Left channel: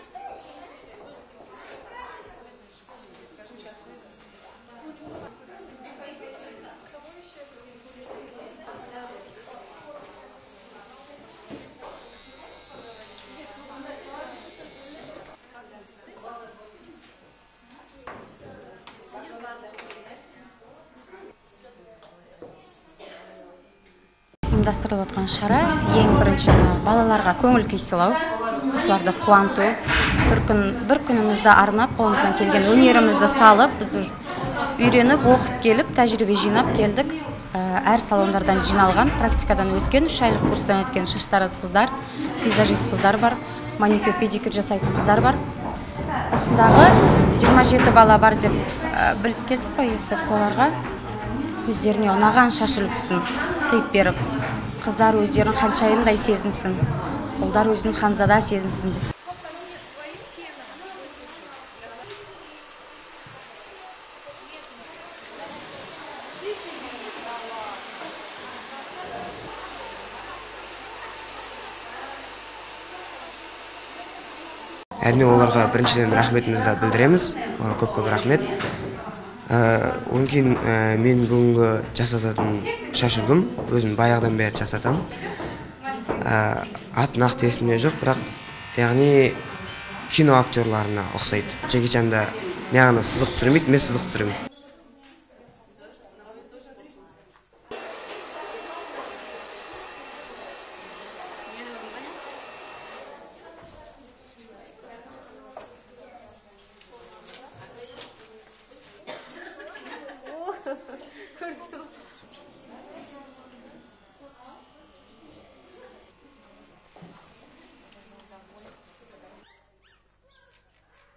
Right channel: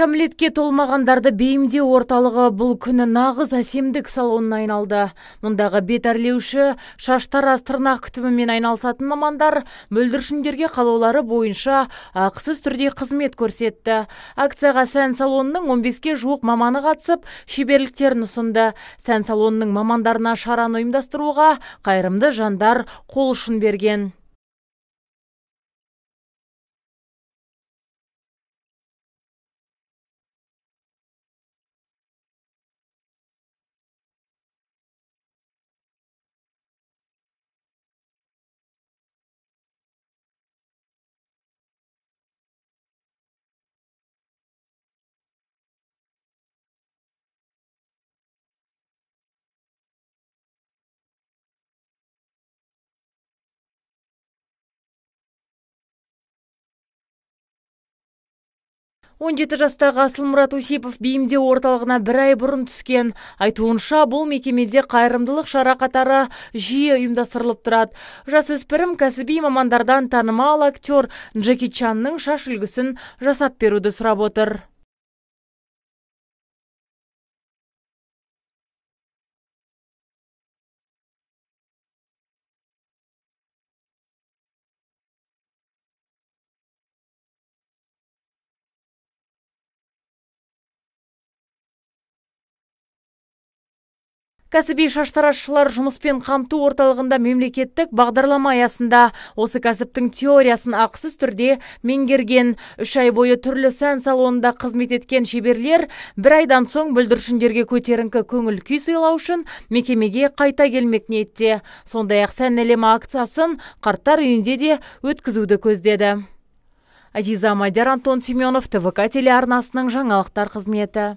Кәмелетке толмағандарды бейімдеу орталығы бұл күні нағыз әсемдік салонына айналды. Мұндағы бет әрлеуші, шаштараз, тырнақ күтімімен айналысатын мамандар бүлдіршіндерге қалаулары бойынша ақысыз түрде қызмет көрсетті. Акцияға сән салонының 15-ке жуық маманы қатысып, шеберліктерін ұсынды. Сән салонының мамандарына шараны ұйымдастыруға қайырымды жандар қол ұшын берген. Ұйымдастырылып отқан шара ең бірінші балаларға көңіл күй сыйлау, осыларды қуанту, бір күнімізді арнап, қолымыздан келген өнерімізді салып, біз үйреніп, оқып келіп, тәжірибе жинап келдік. Әр салондардан жиналған, практикадан өткен, 3 айлық курстан өткен шаштараз қыздар, визажист қыздар бар, маникюр, педикюр жасайтын қыздар бар. Осындағы 27 бала бар деп біліп келдік қой, естіп соларға өздеріне ұнаған шаш үлгісін қиып беріп, қыздар өздерін ханшайымдай сезінсін, ұлдар өзін ханзада сезінсін деп. 17 жастағы Асылмұрат Осипов бейімдеу орталығына 1 ай бұрын түскен. Айтуынша, бұл мекемеде қайырымдылық шара қатары жиі ұйымдастырылып тұрады. Жасөспірім кәсіби мамандардан танымал актер Джеки Чанның шаш үлгісін жасап беруді сұрап отыр. Әрине оларға біріншіден рахметімізді білдіреміз, көп рахмет. Одан кейін мен бүгінгі жасататын шаш үлгім, өзім баяғыдан бері жасатам. Аты нақты есімде жоқ, бірақ яғни кино актерларына ұқсайды. Джеки Чанда неғана сызық түсірмейді, мен сызық түсіремін. Кәсіби шаштаразшылар жұмыспен қамту орталығында мемлекеттік бағдарлама аясында осы кәсіптің теориясын ақысыз түрде меңгерген. 3 ай бойы түрлі сән салонында қызмет еткен шеберлер 1 айдан соң бүлдіршіндерге көтеріңкі көңіл күй сыйлау үшін мекемеге қайта келмек ниетте. Сондай-ақ сән әлемі акциясын қарттар үйінде де өткізуді көздеді. Азиза Мадияр, Антон Семенов, ТВК телеарнасының жаңалықтар қызметі.